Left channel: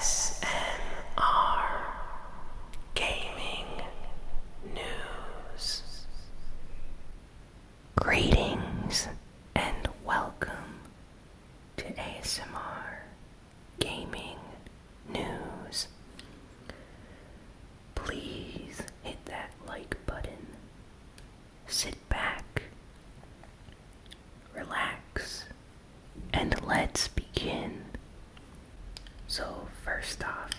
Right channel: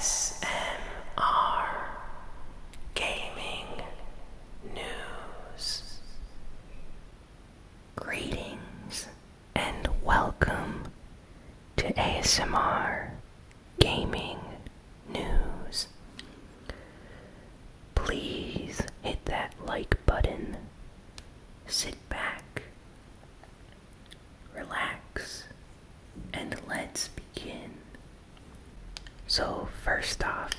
ASMR Gaming News. Greetings and welcome to ASMR Gaming News. Please hit that like button, sit back, relax, and let's begin. So first off,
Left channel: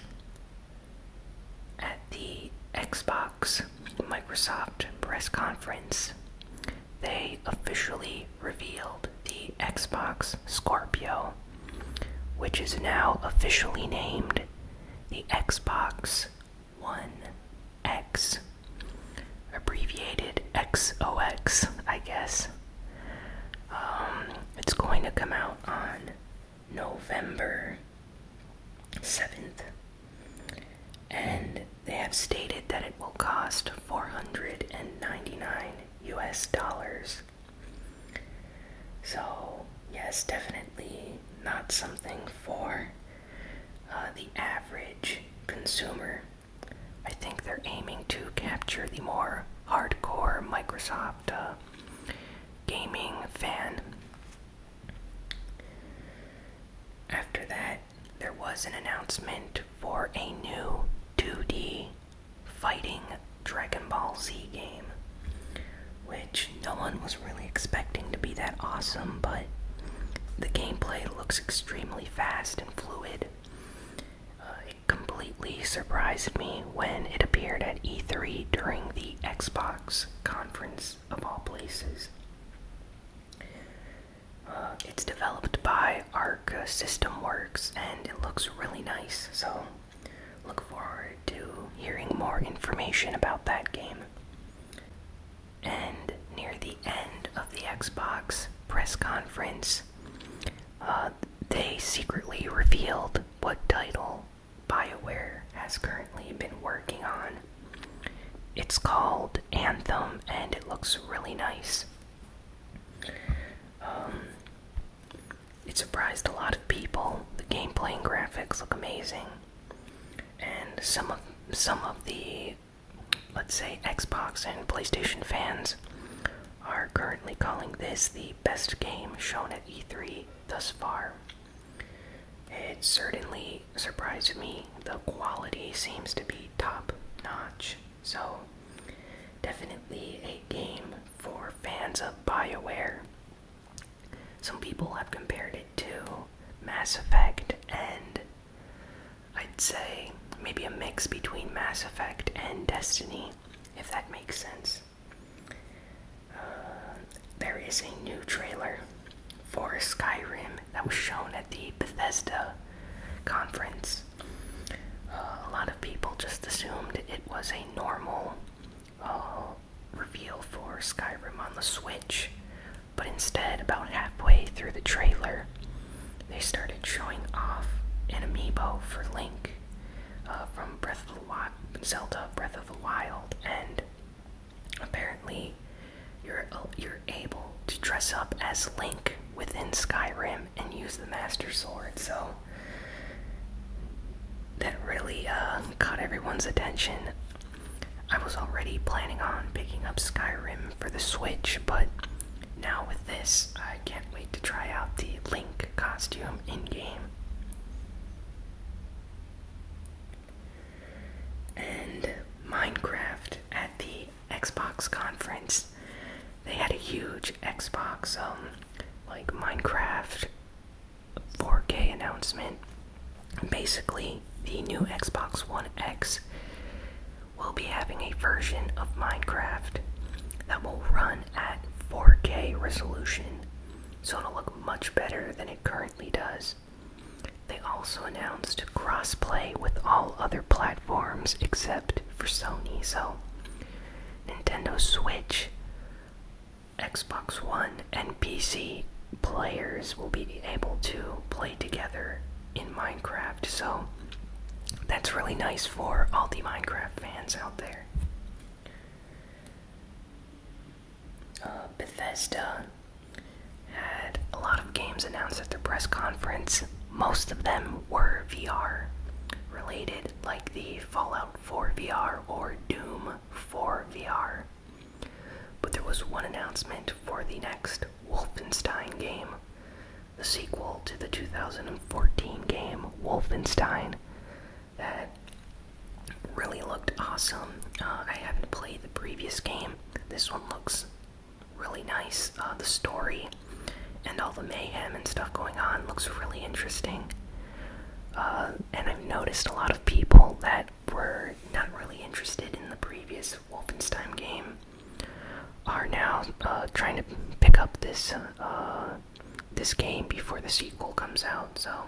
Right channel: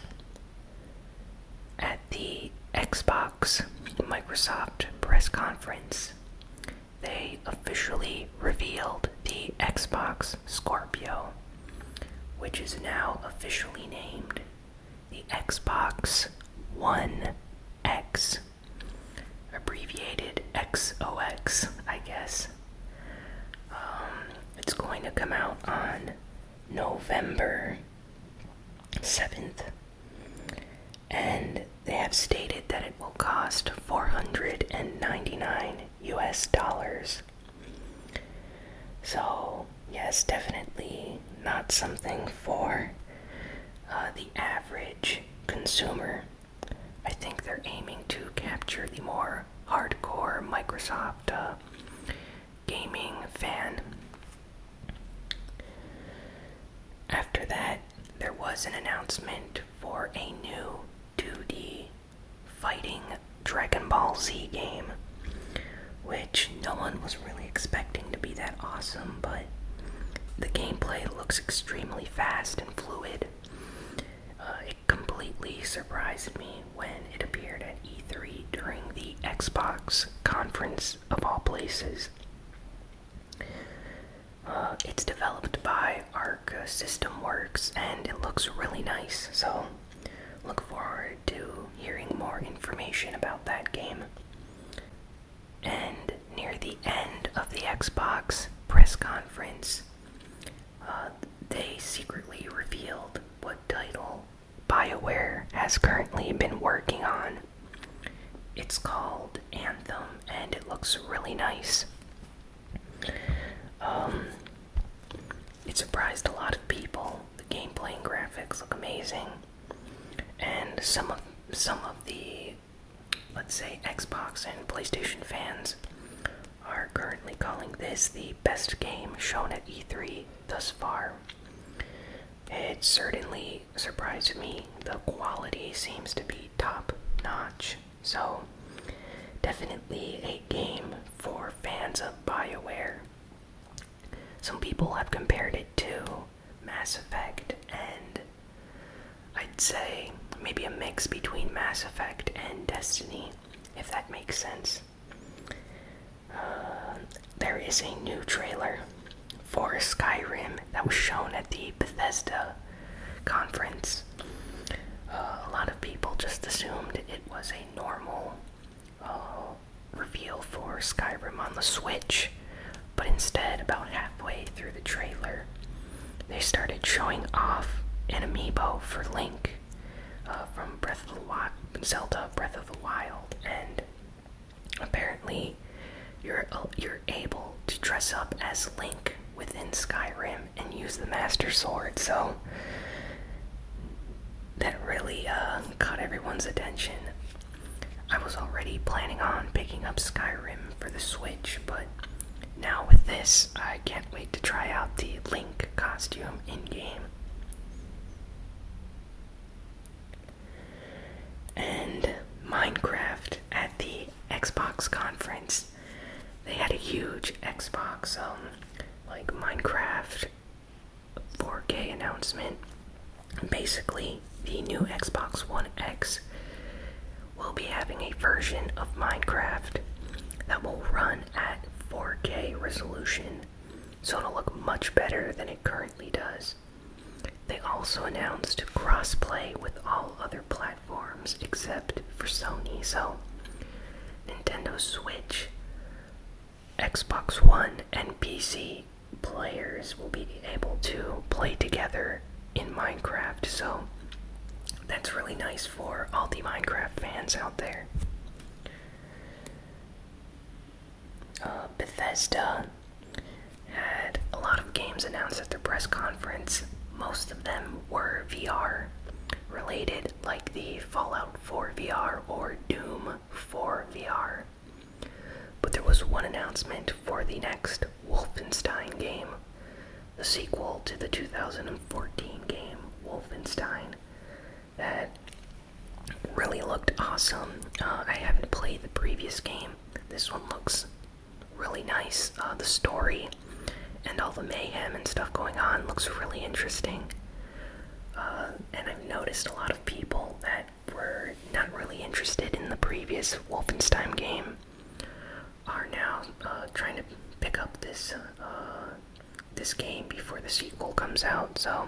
at the Xbox Microsoft press conference, they officially revealed the Xbox Scorpio, which is now officially named the Xbox One X, abbreviated XOX, I guess. It's going to come out on November 7th, and they have stated that it will cost $499 US. So, yes, definitely not something for the average consumer. I think they're aiming to capture the more hardcore Microsoft gaming fan. After that, there was an announcement for a new 2D fighting Dragon Ball Z game, which no one was really expecting to be that awesome, but the gameplay looks extremely fast and fluid. It completely surprised me when it appeared at E3 during the Xbox conference of all places. It's developed by Arc System Works, and it looks really nice, so look forward to hearing more information about that game. And near the end of the Xbox press conference, they secretly revealed what title BioWare has currently been working on. It's called Anthem, and it looks really nice. It surprised a lot of people. The gameplay and graphics look amazing, and some of the, let's say, Xbox and PlayStation fans are currently calling this the best game shown at E3 thus far. It certainly surprised me. The quality seems to be top notch, so definitely a game for fans of BioWare. Some people have compared it to Mass Effect, and I'd say maybe a mix between Mass Effect and Destiny, if that makes sense. There is a new trailer for Skyrim that was shown at the Bethesda conference. A lot of people just assumed it was a normal reveal for Skyrim on the Switch, but instead, about halfway through the trailer, they started showing off an amiibo for Link from Zelda Breath of the Wild, and apparently you're able to dress up as Link within Skyrim and use the Master Sword, so that really caught everyone's attention. I was already planning on picking up Skyrim for the Switch, but now with this, I can't wait to try out the Link costume in-game. And Minecraft at the Xbox conference. They had a huge Xbox, Minecraft 4K announcement. Basically, the new Xbox One X will be having a version of Minecraft that will run at 4K resolution, so it'll look much better than it currently does. They also announced crossplay with all other platforms except for Sony, so Nintendo Switch, Xbox One, and PC players will be able to play together in Minecraft, so that's really nice for all the Minecraft fans out there. Bethesda had a lot of games announced at their press conference. Most of them were VR. related, like the Fallout 4 VR or Doom 4 VR. But there was one announcement for the next Wolfenstein game, the sequel to the 2014 game Wolfenstein, that really looked awesome. I haven't played the previous game. This one looks really nice. The story and all the mayhem and stuff going on looks really interesting. And I've noticed a lot of people that were not really interested in the previous Wolfenstein game are now trying to pick up this game before the sequel comes out. So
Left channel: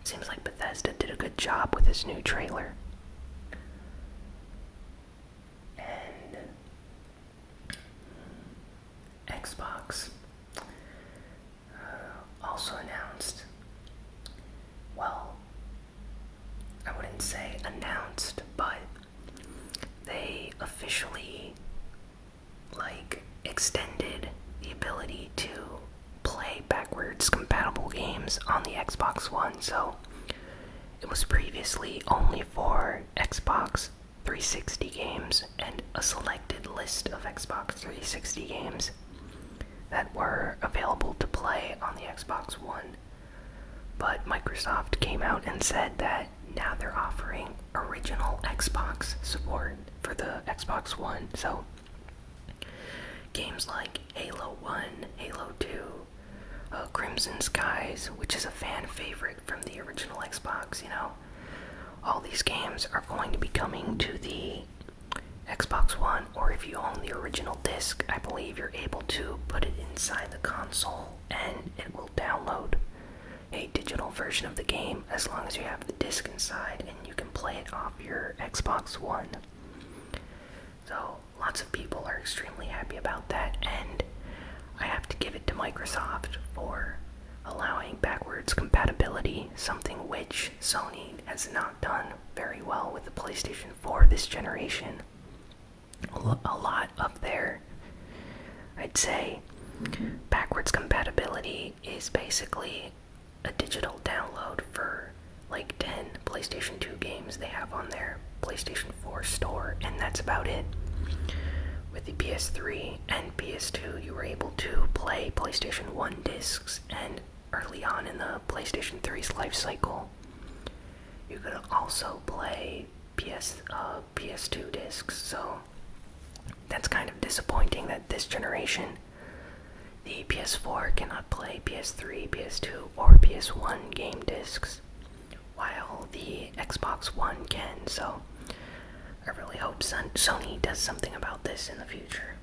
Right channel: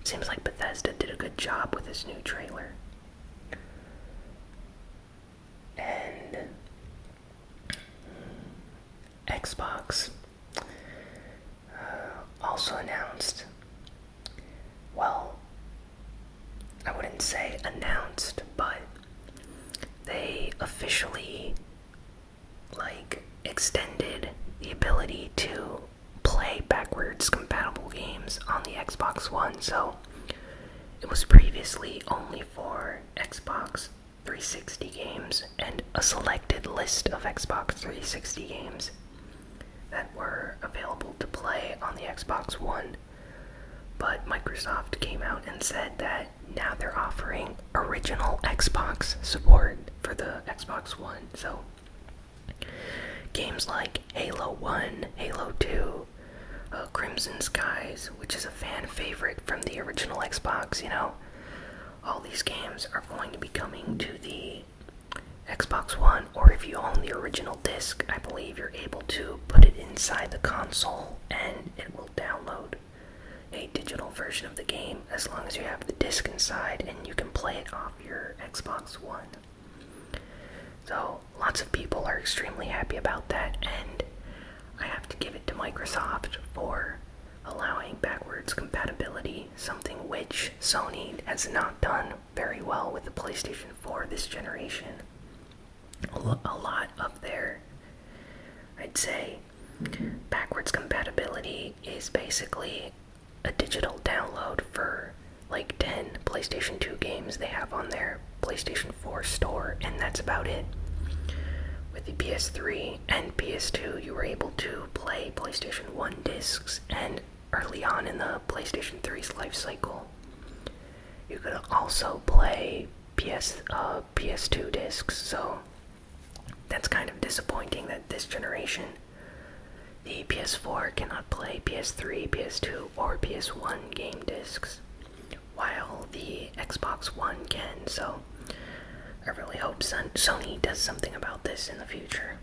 it seems like Bethesda did a good job with this new trailer. And Xbox also announced, well, I wouldn't say announced, but they officially extended the ability to play backwards compatible games on the Xbox One. So it was previously only for Xbox 360 games and a selected list of Xbox 360 games that were available to play on the Xbox One. But Microsoft came out and said that now they're offering original Xbox support for the Xbox One. So games like Halo 1, Halo 2, Crimson Skies, which is a fan favorite from the original Xbox, all these games are going to be coming to the Xbox One, or if you own the original disc, I believe you're able to put it inside the console and it will download a digital version of the game as long as you have the disc inside and you can play it off your Xbox One. So lots of people are extremely happy about that, and I have to give it to Microsoft for allowing backwards compatibility, something which Sony has not done very well with the PlayStation 4 this generation. A lot of their, I'd say, backwards compatibility is basically a digital download for like 10 PlayStation 2 games they have on their PlayStation 4 store, and that's about it. With the PS3 and PS2, you were able to play PlayStation 1 discs, and early on in the PlayStation 3's life cycle, you could also play PS2 discs. So that's kind of disappointing that this generation, the PS4 cannot play PS3, PS2, or PS1 game discs, while the Xbox One can. So I really hope Sony does something about this in the future.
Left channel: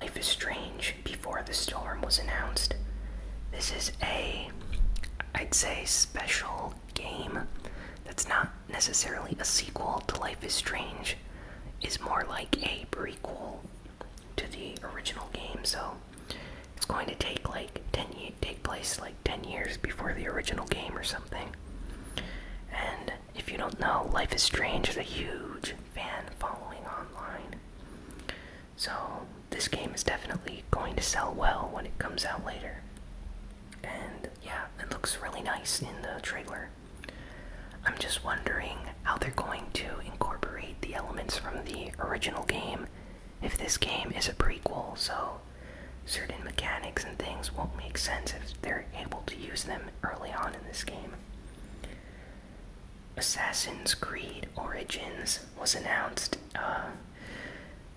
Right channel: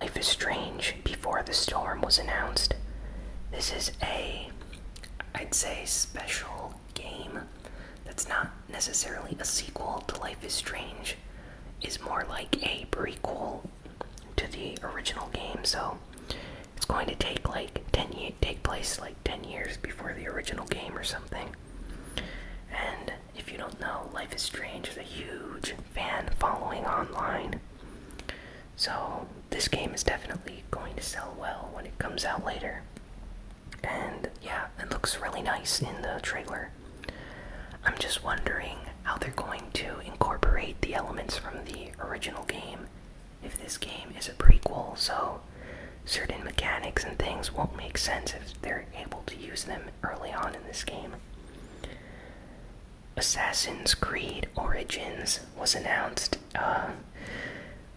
Life is Strange Before the Storm was announced. This is I'd say, special game that's not necessarily a sequel to Life is Strange. Is more like a prequel to the original game. So it's going to take take place 10 years before the original game or something. And if you don't know, Life is Strange is a huge fan following online. So this game is definitely going to sell well when it comes out later. And yeah, it looks really nice in the trailer. I'm just wondering how they're going to incorporate the elements from the original game if this game is a prequel, so certain mechanics and things won't make sense if they're able to use them early on in this game. Assassin's Creed Origins was announced,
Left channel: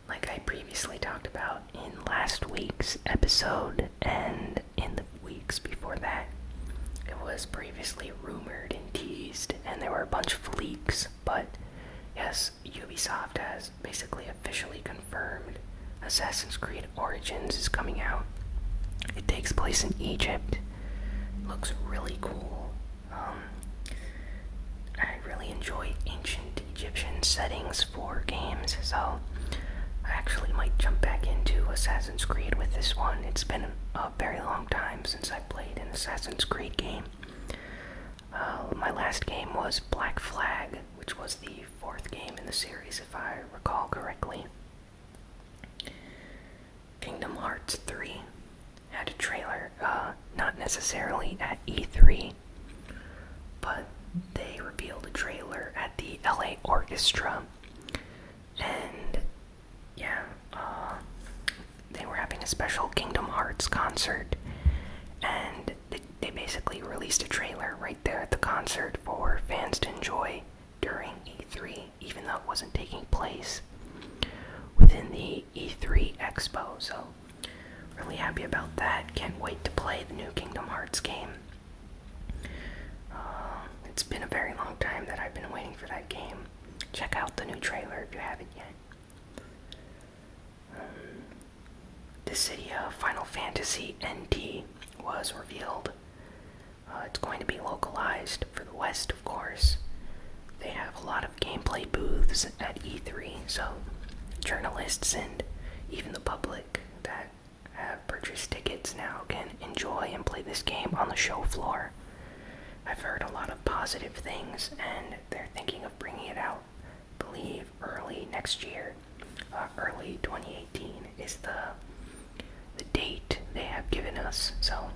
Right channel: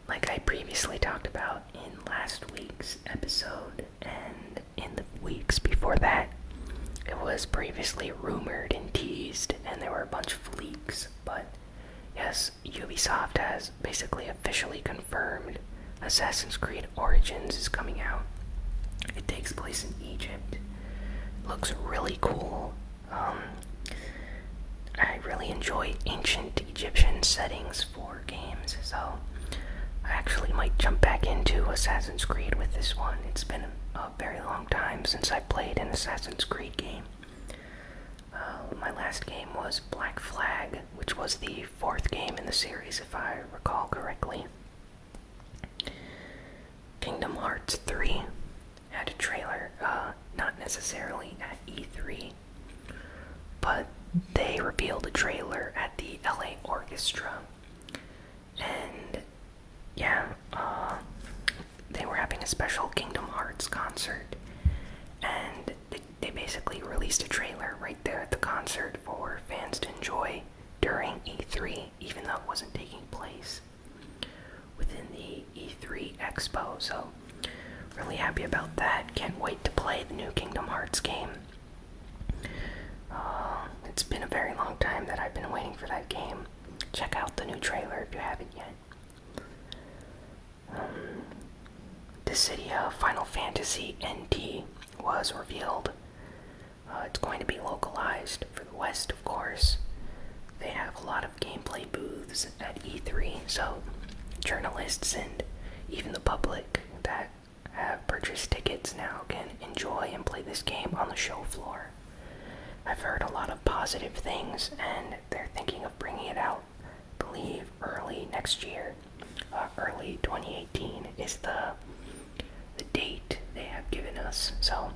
like I previously talked about in last week's episode, and in the weeks before that. It was previously rumored and teased, and there were a bunch of leaks, but yes, Ubisoft has basically officially confirmed Assassin's Creed Origins is coming out. It takes place in Egypt. It looks really cool. I really enjoy ancient Egyptian settings for games, so I actually might jump back into Assassin's Creed with this one. It's been a very long time since I played an Assassin's Creed game. My last game was Black Flag, which was the 4th game in the series, if I recall correctly. Kingdom Hearts 3 had a trailer, not necessarily at E3, but they revealed a trailer at the LA Orchestra, and yeah, they were having a special Kingdom Hearts concert, and they basically released a trailer right there at the concert for fans to enjoy during E3, even though it wasn't taking place within the E3 Expo. So really happy about that. Can't wait to play the new Kingdom Hearts game. It's been a very long time that I've been waiting for that game. Check out the new trailer if you haven't yet. Dissidia Final Fantasy NT was revealed. It's going to be localized for the West, of course. They have a lot of gameplay booths at E3, so journalists and even the public that have purchased tickets now can enjoy and play this game on the show floor. I've heard a lot of positive things, and they're thinking of bringing it out, I believe, early next year. Early 2018 is the date they have given us, so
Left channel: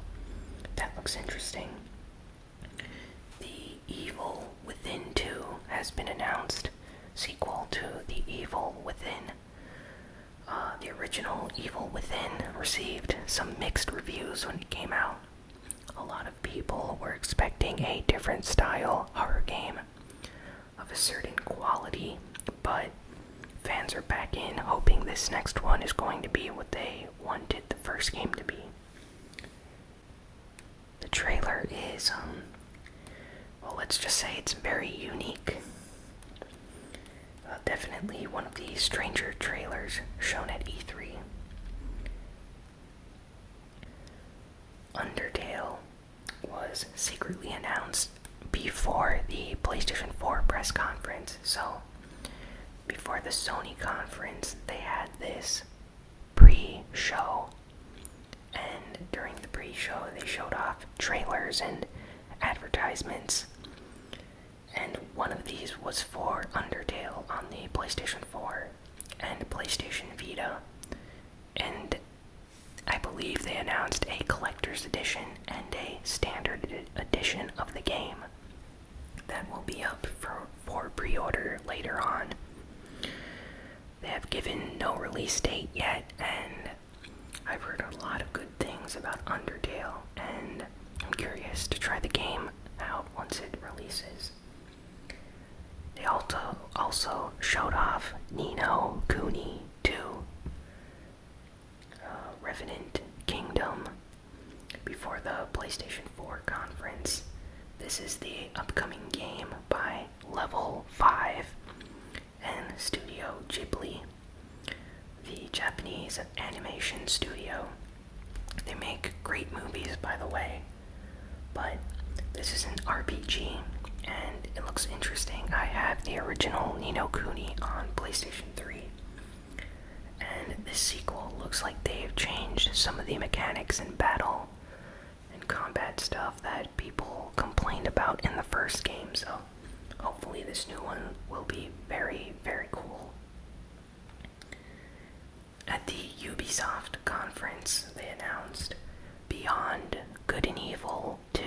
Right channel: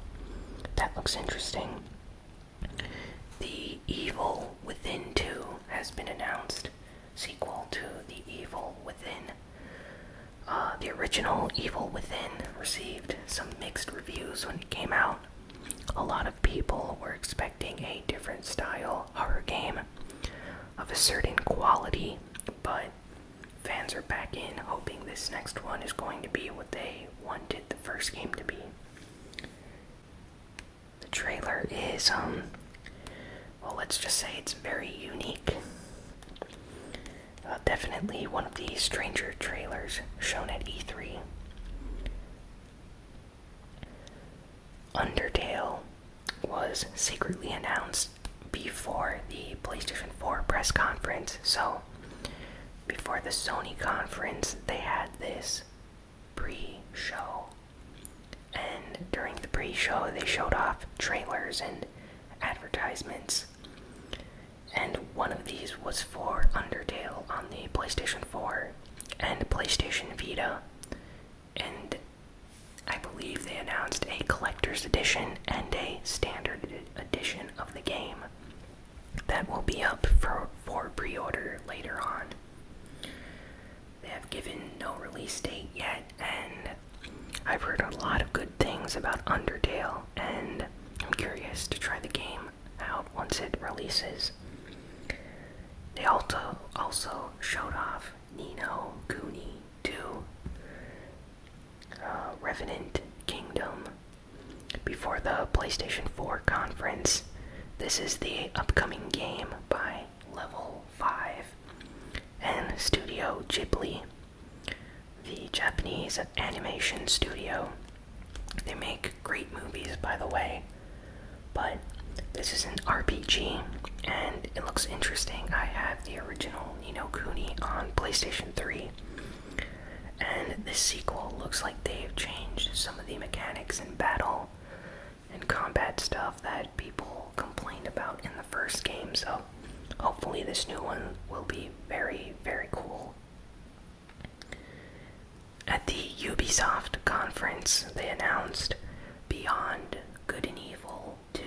that looks interesting. The Evil Within 2 has been announced, sequel to The Evil Within. The original Evil Within received some mixed reviews when it came out. A lot of people were expecting a different style horror game of a certain quality, but fans are back in hoping this next one is going to be what they wanted the first game to be. The trailer is, well, let's just say it's very unique. Definitely one of the stranger trailers shown at E3. Undertale was secretly announced before the PlayStation 4 press conference, so before the Sony conference they had this pre-show, and during the pre-show they showed off trailers and advertisements, and one of these was for Undertale on the PlayStation 4 and PlayStation Vita, and I believe they announced a collector's edition and a standard edition of the game that will be up for pre-order later on. They have given no release date yet, and I've heard a lot of good things about Undertale, and I'm curious to try the game out once it releases. They also showed off Ni no Kuni 2, Revenant Kingdom, before the PlayStation 4 conference. This is the upcoming game by Level 5 and Studio Ghibli, the Japanese animation studio. They make great movies, by the way, but this is an RPG, and it looks interesting. I have the original Ni no Kuni on PlayStation 3, and this sequel looks like they've changed some of the mechanics in battle and combat stuff that people complained about in the first game, so hopefully this new one will be very, very cool. At the Ubisoft conference, they announced Beyond Good and Evil 2.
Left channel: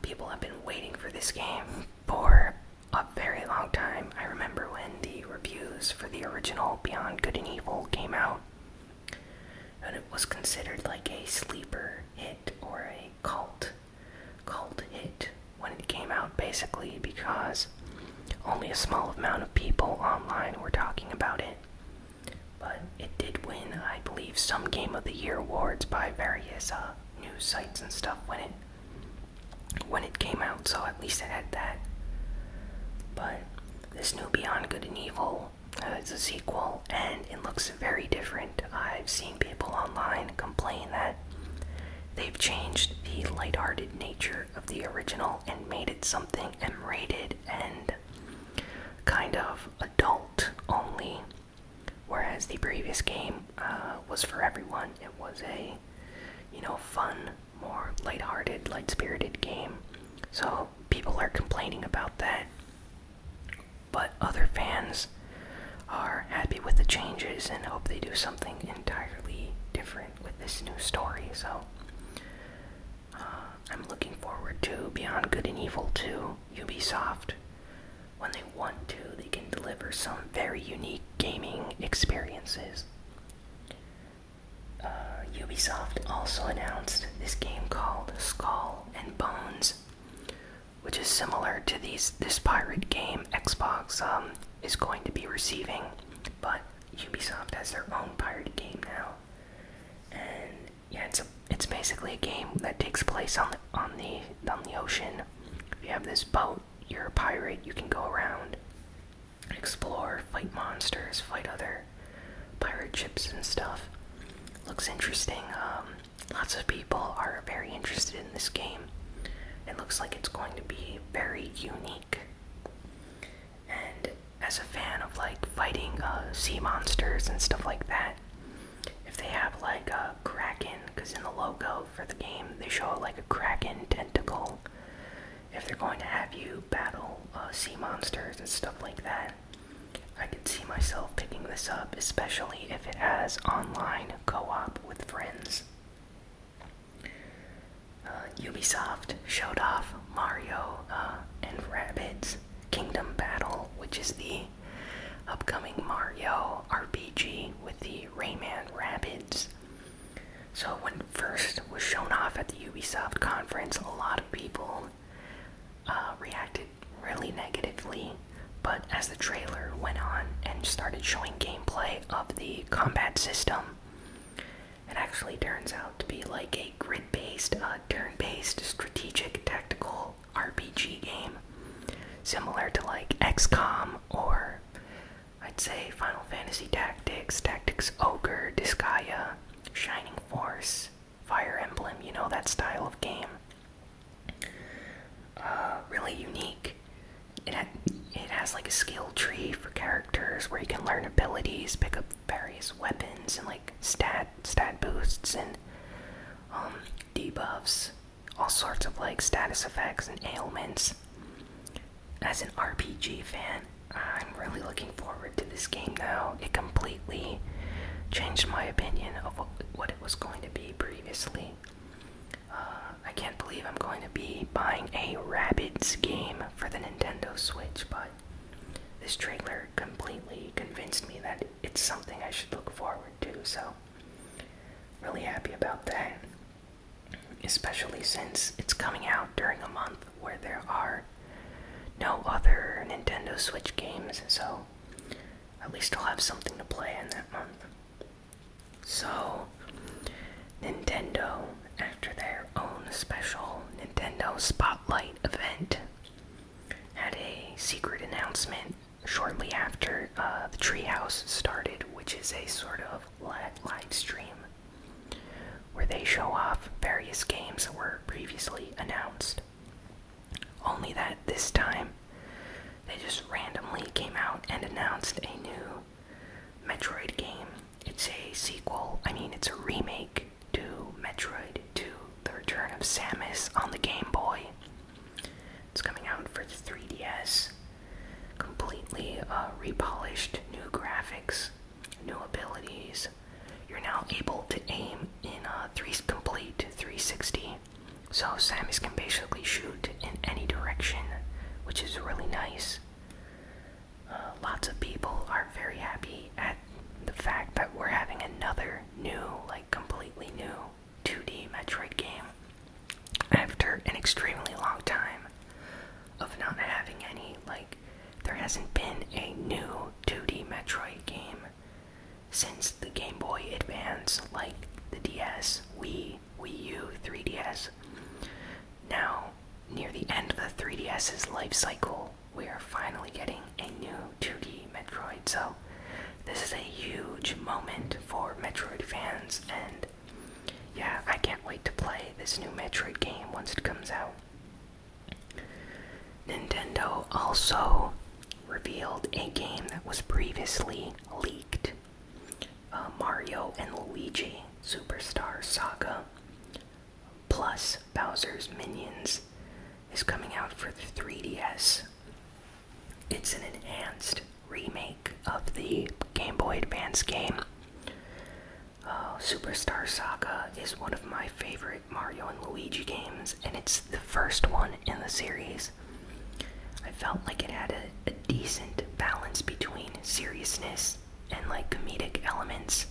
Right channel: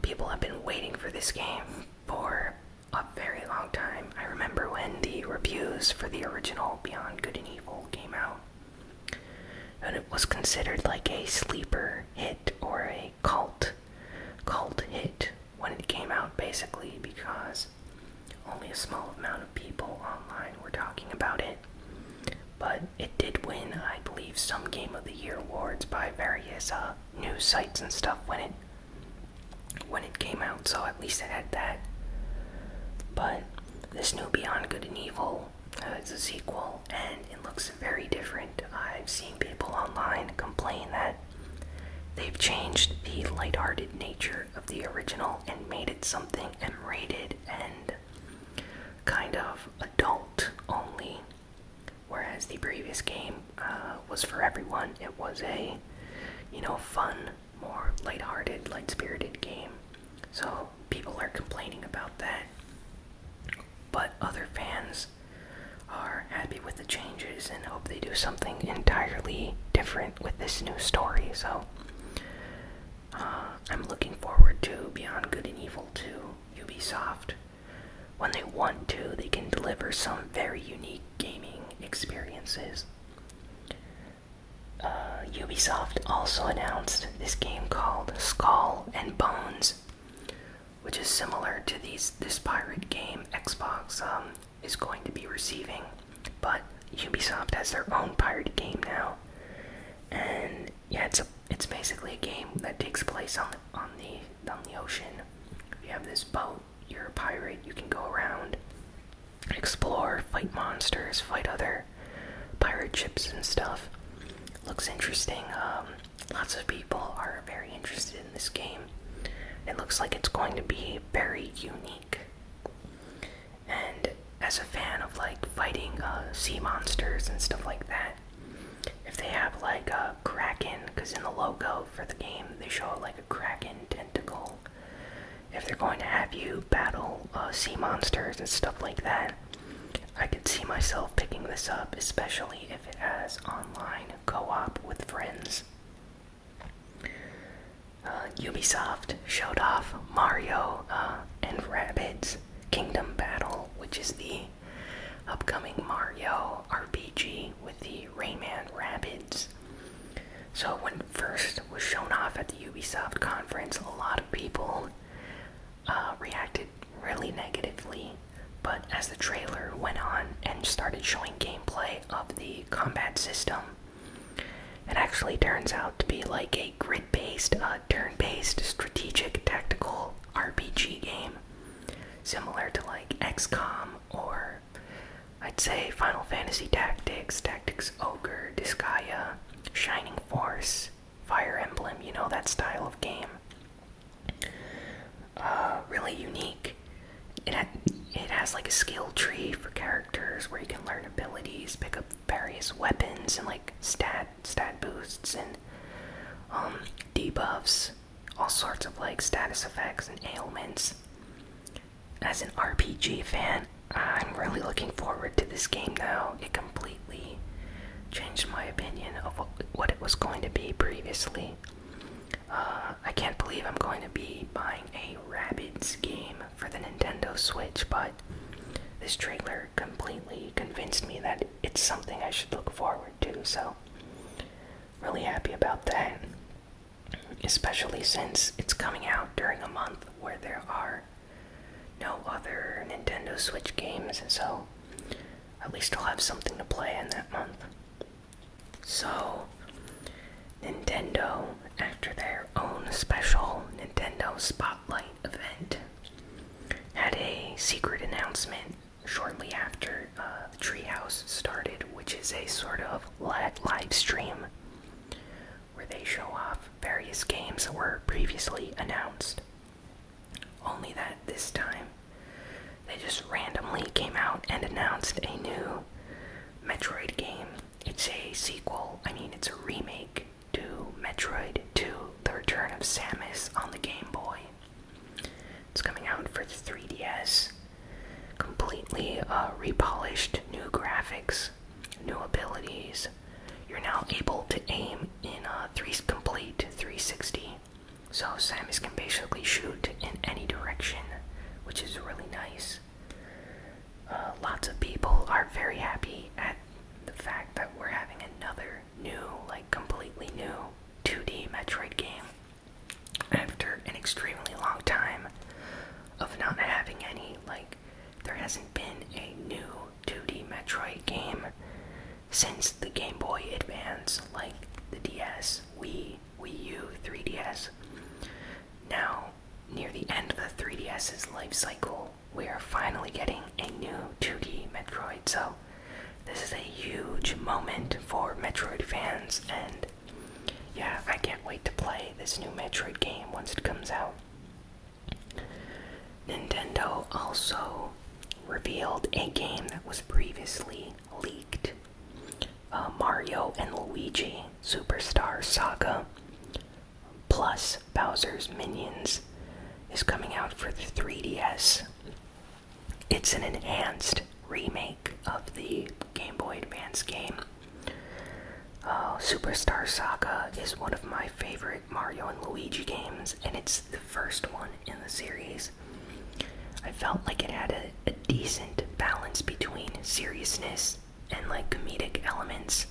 People have been waiting for this game for a very long time. I remember when the reviews for the original Beyond Good and Evil came out, and it was considered like a sleeper hit or a cult hit when it came out, basically because only a small amount of people online were talking about it. But it did win, I believe, some Game of the Year awards by various news sites and stuff when it came out, so at least it had that. But this new Beyond Good and Evil is a sequel, and it looks very different. I've seen people online complain that they've changed the lighthearted nature of the original and made it something M-rated and kind of adult only, whereas the previous game was for everyone. It was a, fun, more lighthearted, light-spirited game. So people are complaining about that, but other fans are happy with the changes and hope they do something entirely different with this new story. So 2, Beyond Good and Evil 2, Ubisoft, when they want to, they can deliver some very unique gaming experiences. Ubisoft also announced this game called Skull and Bones, which is similar to this pirate game Xbox is going to be receiving, but Ubisoft has their own pirate game now. And yeah, it's basically a game that takes place on the ocean. You have this boat, you're a pirate, you can go around, explore, fight monsters, fight other pirate ships and stuff. Looks interesting. Lots of people are very interested in this game. It looks like it's going to be very unique. And as a fan of like fighting sea monsters and stuff like that, if they have like a kraken, because in the logo for the game they show like a kraken tentacle, if they're going to have you battle sea monsters and stuff like that, I could see myself picking this up, especially if it has online co-op with friends. Ubisoft showed off Mario and Rabbids Kingdom Battle, which is the upcoming Mario RPG with the Rayman Rabbids. So when it first was shown off at the Ubisoft conference, a lot of people reacted really negatively, but as the trailer went on and started showing gameplay of the combat system, it actually turns out to be like a grid-based, turn-based, strategic, tactical RPG game, similar to like XCOM or I'd say Final Fantasy Tactics, Tactics Ogre, Disgaea, Shining Force, Fire Emblem, you know, that style of game. Really unique. It has like a skill tree for characters where you can learn abilities, pick up various weapons, and like stat boosts and debuffs, all sorts of like status effects and ailments. As an RPG fan, I'm really looking forward to this game now. It completely changed my opinion of what it was going to be previously. I can't believe I'm going to be buying a Rabbids game for the Nintendo Switch, but this trailer completely convinced me that it's something I should look forward to, so really happy about that. Especially since it's coming out during a month where there are no other Nintendo Switch games, so at least I'll have something to play in that month. So, Nintendo, after their own special Nintendo Spotlight event, had a secret announcement shortly after the Treehouse started, which is a sort of live stream where they show off various games that were previously announced. Only that this time, they just randomly came out and announced a new Metroid game. It's a sequel, it's a remake to Metroid 2, The Return of Samus on the Game Boy. It's coming out for the 3DS. Completely repolished, new graphics, new abilities. You're now able to aim in complete 360. So Samus can basically shoot in any direction, which is really nice. Lots of people are very happy at the fact that we're having another new, completely new 2D Metroid game after an extremely long time of not having any. There hasn't been a new 2D Metroid game since the Game Boy Advance, like the DS, Wii U, 3DS. Now, near the end of the 3DS's life cycle, we are finally getting a new 2D Metroid, so this is a huge moment for Metroid fans, and yeah, I can't wait to play this new Metroid game once it comes out. Nintendo also revealed a game that was previously leaked. Mario and Luigi Superstar Saga plus Bowser's Minions is coming out for the 3DS. It's an enhanced remake of the Game Boy Advance game. Superstar Saga is one of my favorite Mario and Luigi games, and it's the first one in the series. I felt like it had a decent balance between seriousness and like comedic elements.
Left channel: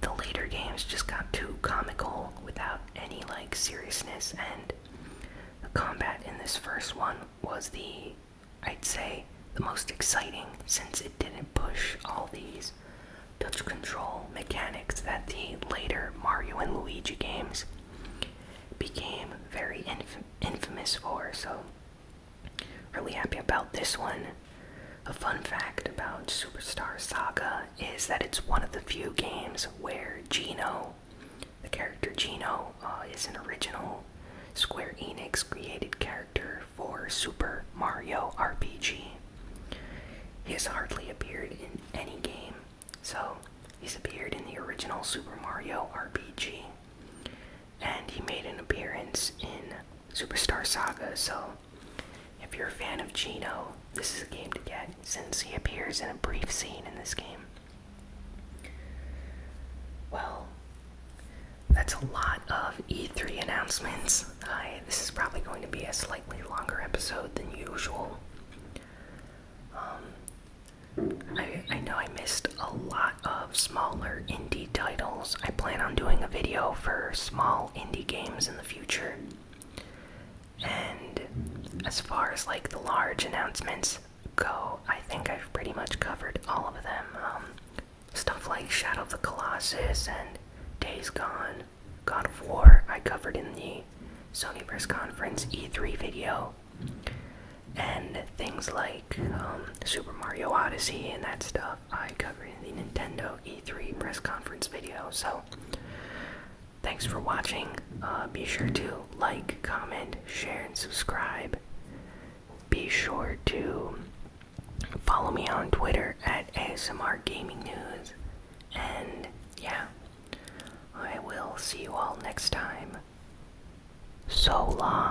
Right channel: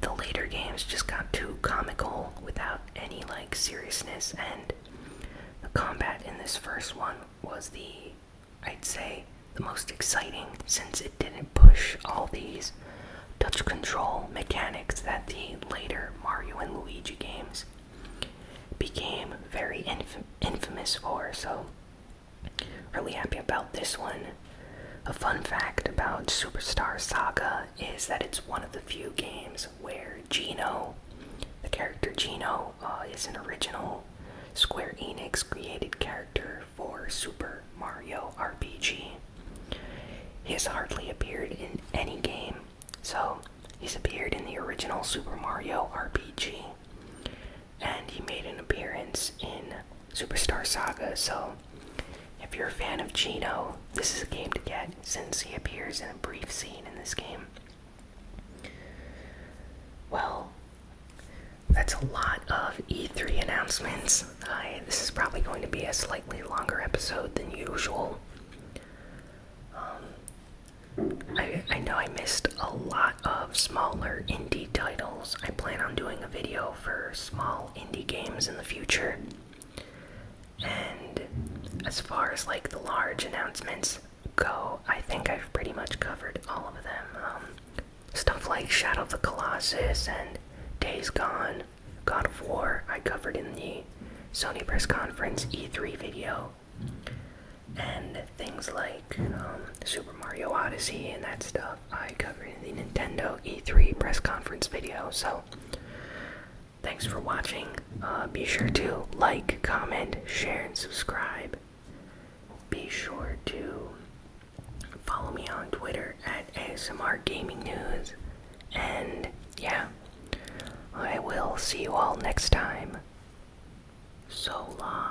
The later games just got too comical without any like seriousness, and the combat in this first one was I'd say, the most exciting, since it didn't push all these touch control mechanics that the later Mario and Luigi games became very infamous for. So really happy about this one. A fun fact about Superstar Saga is that it's one of the few games where Geno, the character Geno, is an original Square Enix created character for Super Mario RPG. He has hardly appeared in any game, so he's appeared in the original Super Mario RPG, and he made an appearance in Superstar Saga, so if you're a fan of Geno, this is a game to get, since he appears in a brief scene in this game. Well, that's a lot of E3 announcements. This is probably going to be a slightly longer episode than usual. I know I missed a lot of smaller indie titles. I plan on doing a video for small indie games in the future. And as far as like the large announcements go, I think I've pretty much covered all of them. Stuff like Shadow of the Colossus and Days Gone, God of War, I covered in the Sony press conference E3 video. And things like Super Mario Odyssey and that stuff I covered in the Nintendo E3 press conference video. So thanks for watching. Be sure to like, comment, share, and subscribe. Be sure to follow me on Twitter at ASMR Gaming News. And yeah, I will see you all next time. So long.